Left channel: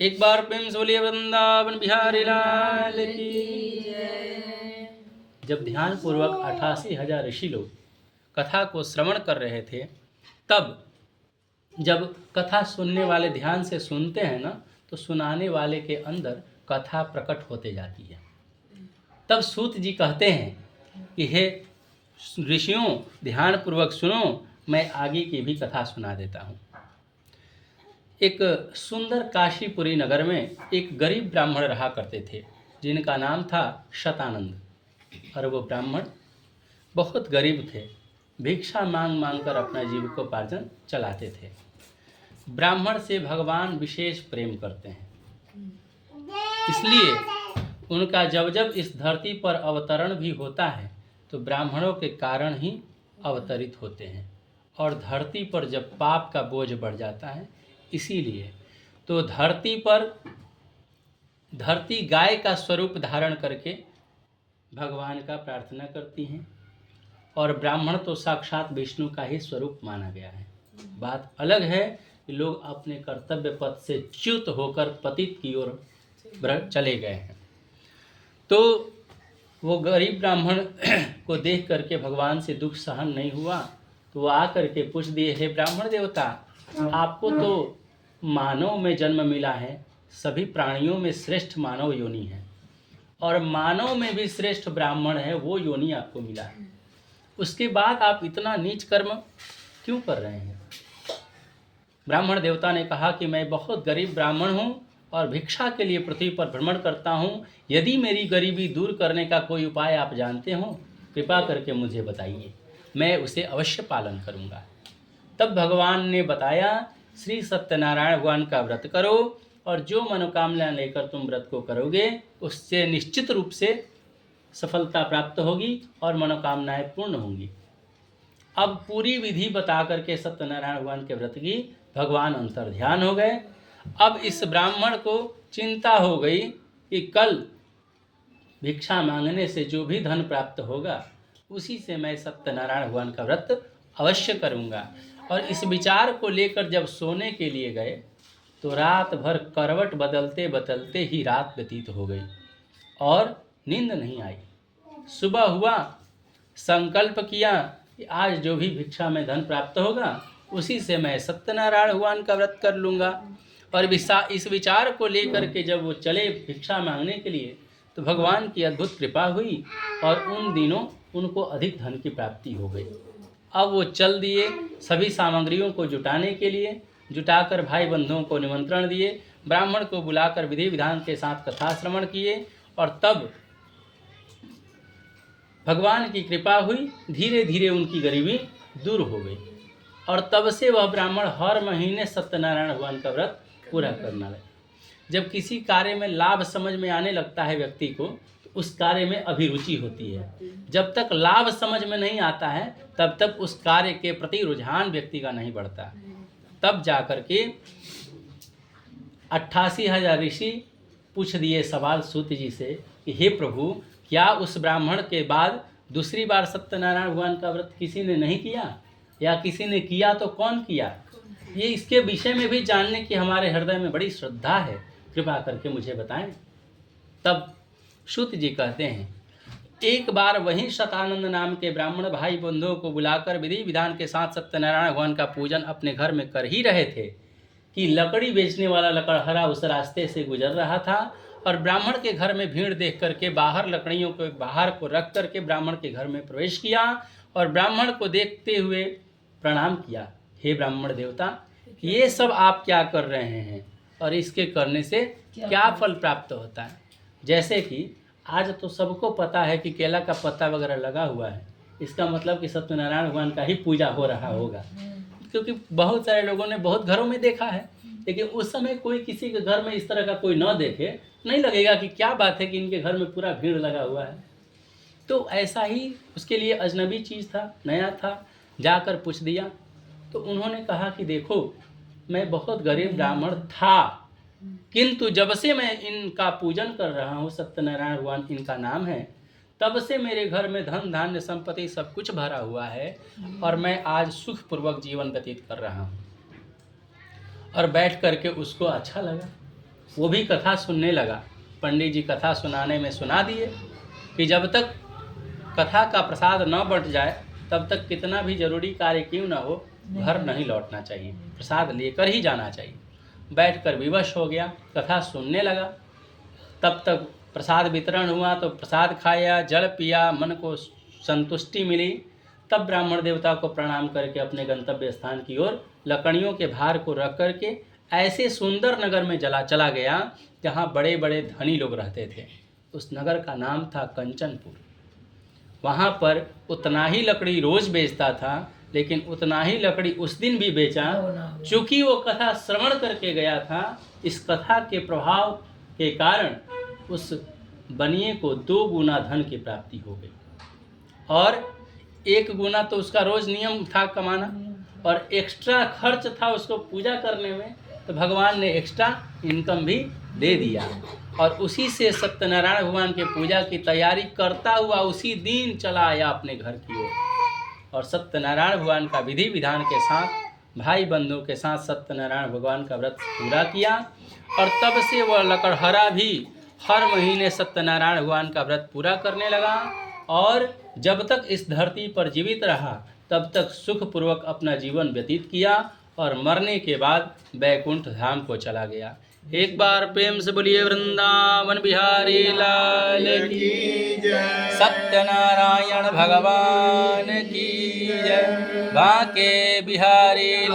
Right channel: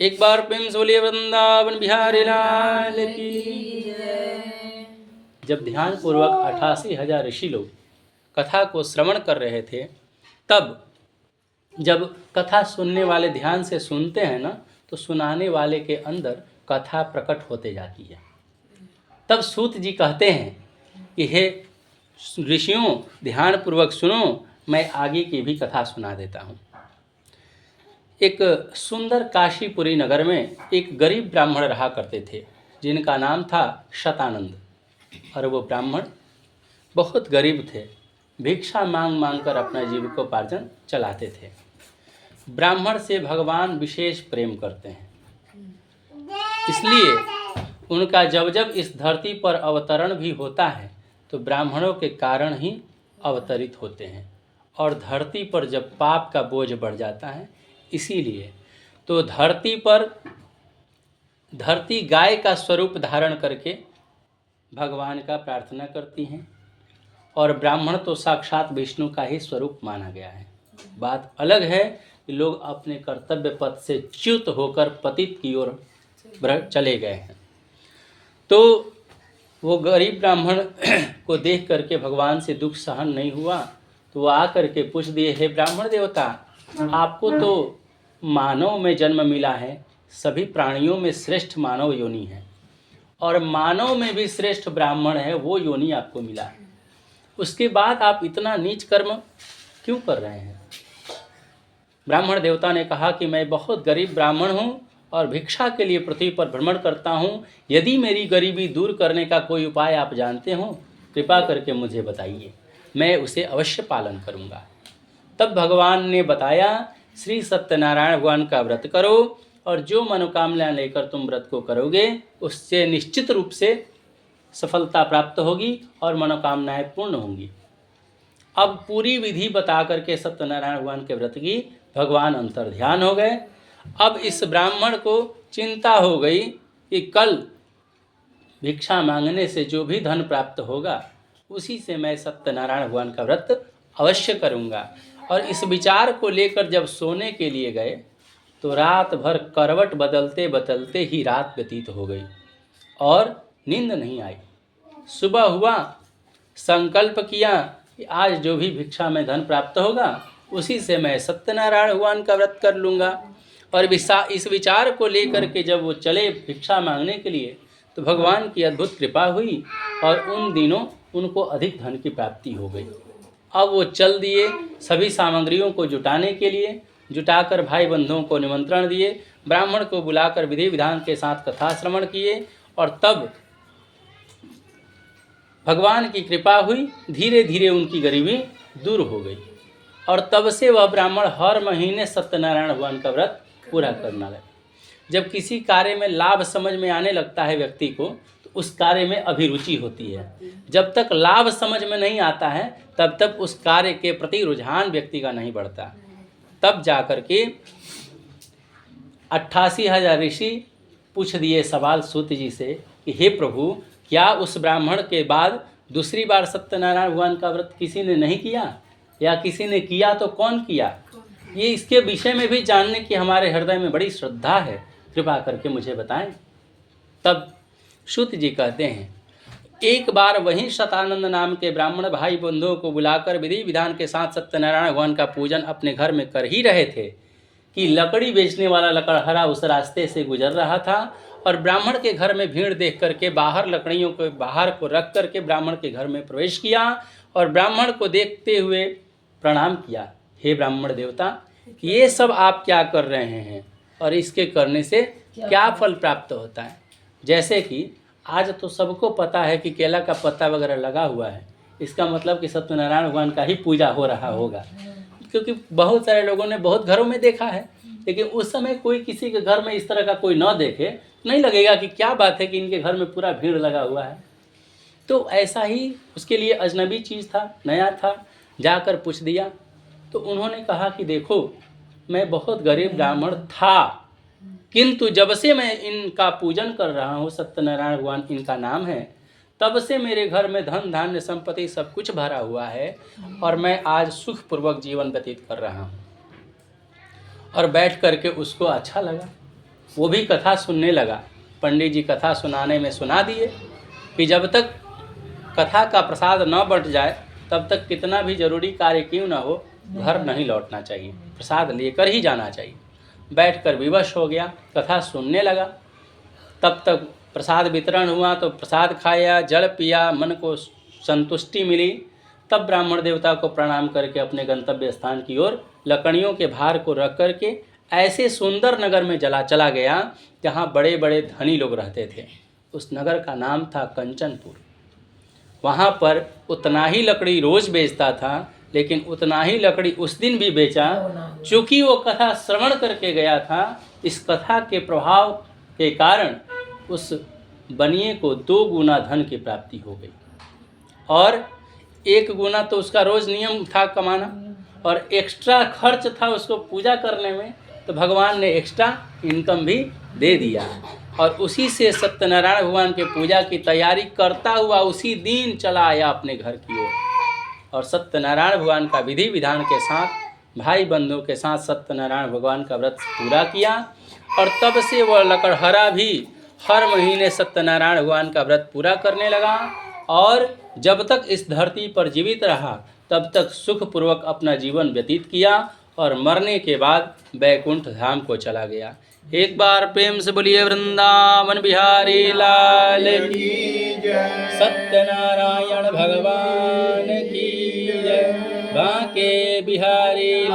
एक बार प्रेम से बोलिए वृंदावन बिहारी लाल की। जब ध्यान पूर्वक 88,000 ऋषि लोग कथा को श्रवण कर रहे थे, तब जब कथा सुनने वाले ध्यान से सुनते हैं ना, तो सुनाने वाले के अंदर कथा प्रकट होते जाती है। तब सूत जी कहते हैं कि हे ऋषियों, ध्यान पूर्वक सुनो, मैं आगे की भी कथा सुना देता हूँ। एक सुंदर काशीपुरी नगर में एक गरीब ब्राह्मण रहा करते थे, जिनका नाम था शतानंद। और वो ब्राह्मण बहुत गरीब थे, भिक्षा मांग मांग कर अपना जीविकोपार्जन चलाते थे। ब्राह्मण से भगवान विशेष प्रेम करते हैं, इसलिए उनका जब जब इस धरती पर अवतरण भी होता है तो ब्राह्मणों के कारण ही अवतरित होते हैं। और धरती पर जब पाप का बोझ बढ़ जाता है, इसीलिए तो धरती गाय का स्वरूप धारण करके भगवान का प्रार्थना करती हैं, और ब्राह्मण तो साक्षात विष्णु का ही स्वरूप माना गया है। बात अलग है कि लोग अपने कर्तव्य पथ से च्युत होकर पतित की ओर चले गए हैं। तो वो गरीब ब्राह्मण को देख करके भगवान से दुख सहन नहीं हुआ, तो वो आकर के पूछ दिए, हे ब्राह्मण देवता, आपको तो मानव में जन्म मिला है, सभी प्राणियों में श्रेष्ठ मानव योनि है, और मानव में भी श्रेष्ठ ब्राह्मण है, वो योनि आपको मिला है। उसके बाद आप इतना नीच कर्म क्यों कर रहे हैं? ब्राह्मण देवता ने कहा कि मैं बहुत गरीब ब्राह्मण हूँ और भिक्षा के लिए पृथ्वी पर भ्रमण करता हूँ। यदि मेरी गरीबी दूर करने का कोई उपाय आप जानते हो, कृपा करके मुझे बताइए, मैं उसे अवश्य पालन करूँगा। तब भगवान ने बताया, श्री सत्यनारायण भगवान का व्रत करो, और जो मनोकामना लेकर तुम व्रत को करोगे उससे निश्चित रूप से सफलता प्राप्त होगी और मनोकामनाएं पूर्ण होंगी। अब पूरी विधि बता करके सत्यनारायण भगवान के व्रत की भगवान अंतर्ध्यान हो गए। अब इस ब्राह्मण को चिंता हो गई कि कल भिक्षा मांगने से जो भी धन प्राप्त होगा उसी से मैं सत्यनारायण भगवान का व्रत अवश्य करूँगा। और इस विचार को लेकर जब सोने के लिए गए तो रात भर करवट बदलते बदलते ही रात व्यतीत हो गई और नींद नहीं आई। सुबह हुआ, संकल्प किया कि आज जो भी भिक्षा में धन प्राप्त होगा उसी से मैं सत्यनारायण भगवान का व्रत कर लूँगा। और इस विचार को लेकर के जब वो चले भिक्षा मांगने के लिए तो भगवान की अद्भुत कृपा हुई और उन दिनों उनको अधिक धन की प्राप्ति हो गई। अब वो चल दिए सभी सामग्रियों को जुटाने के लिए, जुटाकर भाई बंधुओं को निमंत्रण दिए, ब्राह्मण को बुलाकर विधि विधान के साथ कथा श्रवण किए, और तब भगवान की कृपा हुई, धीरे धीरे उनकी गरीबी दूर हो गई। और तब से वह ब्राह्मण हर महीने सत्यनारायण भगवान का व्रत पूरा करना लगे। जब किसी कार्य में लाभ समझ में आने लगता है व्यक्ति को, तो उस कार्य में अभिरुचि होती है। जब तक लाभ समझ में नहीं आता है तब तक उस कार्य के प्रति रुझान व्यक्ति का नहीं बढ़ता। तब जाकर के 88,000 ऋषि पूछ दिए सवाल सूत जी से कि हे प्रभु, क्या उस ब्राह्मण के बाद दूसरी बार सत्यनारायण भगवान का व्रत किसी ने नहीं किया, या किसी ने किया तो कौन किया? ये इसके विषय में भी जानने की हमारे हृदय में बड़ी श्रद्धा है, कृपा करके मुझे बताएं। तब सूत जी कहते हैं, एक बार वहीं शतानंद नाम के ब्राह्मण भाई बंधुओं को बुलाकर विधि विधान के साथ सत्यनारायण भगवान का पूजन अपने घर में कर ही रहे थे कि लकड़ी बेचने वाला लकड़हारा उस रास्ते से गुजर रहा था, और ब्राह्मण के घर में भीड़ देख करके बाहर लकड़ियों को बाहर को रख करके ब्राह्मण के घर में प्रवेश किया, और ब्राह्मण को देखते हुए प्रणाम किया, हे ब्राह्मण देवता, ये सब आप क्या कर रहे हैं और इसके करने से क्या फल प्राप्त होता है? जैसे कि आज तो सबको पता है कि केला का पत्ता वगैरह लगा हुआ है, इसका मतलब कि सत्यनारायण भगवान का ही पूजा हो रहा होगा, क्योंकि बहुत सारे लोगों ने बहुत घरों में देखा है। लेकिन उस समय कोई किसी के घर में इस तरह का कोई न देखे, नहीं लगेगा कि क्या बात है कि इनके घर में पूरा भीड़ लगा हुआ है। तो ऐसा ही उसके लिए अजनबी चीज़ था, नया था, जाकर पूछ दिया। तो उन्होंने कहा कि देखो, मैं बहुत गरीब ब्राह्मण था, किंतु जब से मैं इनका पूजन कर रहा हूँ, सत्यनारायण भगवान इनका नाम है, तब से मेरे घर में धन धान्य संपत्ति सब कुछ भरा हुआ है, और मैं आज सुखपूर्वक जीवन व्यतीत कर रहा हूँ। और बैठ करके उसको अच्छा लगा। वो भी कथा सुनने लगा। पंडित जी कथा सुनाने में सुना दिए कि जब तक कथा का प्रसाद न बंट जाए तब तक कितना भी जरूरी कार्य क्यों ना हो घर नहीं लौटना चाहिए, प्रसाद लेकर ही जाना चाहिए। बैठकर विवश हो गया, कथा सुनने लगा। तब तक प्रसाद वितरण हुआ तो प्रसाद खाया, जल पिया, मन को संतुष्टि मिली। तब ब्राह्मण देवता को प्रणाम करके अपने गंतव्य स्थान की ओर लकड़ियों के भार को रख करके ऐसे सुंदर नगर में चला गया जहाँ बड़े बड़े धनी लोग रहते थे। उस नगर का नाम था कंचनपुर। वहाँ पर उतना ही लकड़ी रोज बेचता था, लेकिन उतना ही लकड़ी उस दिन भी बेचा। चूँकि वो कथा श्रवण करके गया था, इस कथा के प्रभाव के कारण उस बनिए को 2 गुना धन की प्राप्ति हो गई और 1 गुना तो उसका रोज नियम था कमाना और एक्स्ट्रा खर्च था उसको पूजा करने में, तो भगवान ने एक्स्ट्रा इनकम भी दे दिया। और उसी से सत्यनारायण भगवान के पूजा की तैयारी करता हुआ उसी दिन चला आया अपने घर की ओर और सत्यनारायण भगवान का विधि विधान के साथ भाई बंधुओं के साथ सत्यनारायण भगवान का व्रत पूरा किया। और तब से वह लकड़हरा भी हर महीने सत्यनारायण भगवान का व्रत पूरा करने लगा और जब तक इस धरती पर जीवित रहा तब तक सुखपूर्वक अपना जीवन व्यतीत किया और मरने के बाद बैकुंठ धाम को चला गया। एक बार प्रेम से बोलिए वृंदावन बिहारी लाल की जय, सत्यनारायण भगवान की जय, बांके बिहारी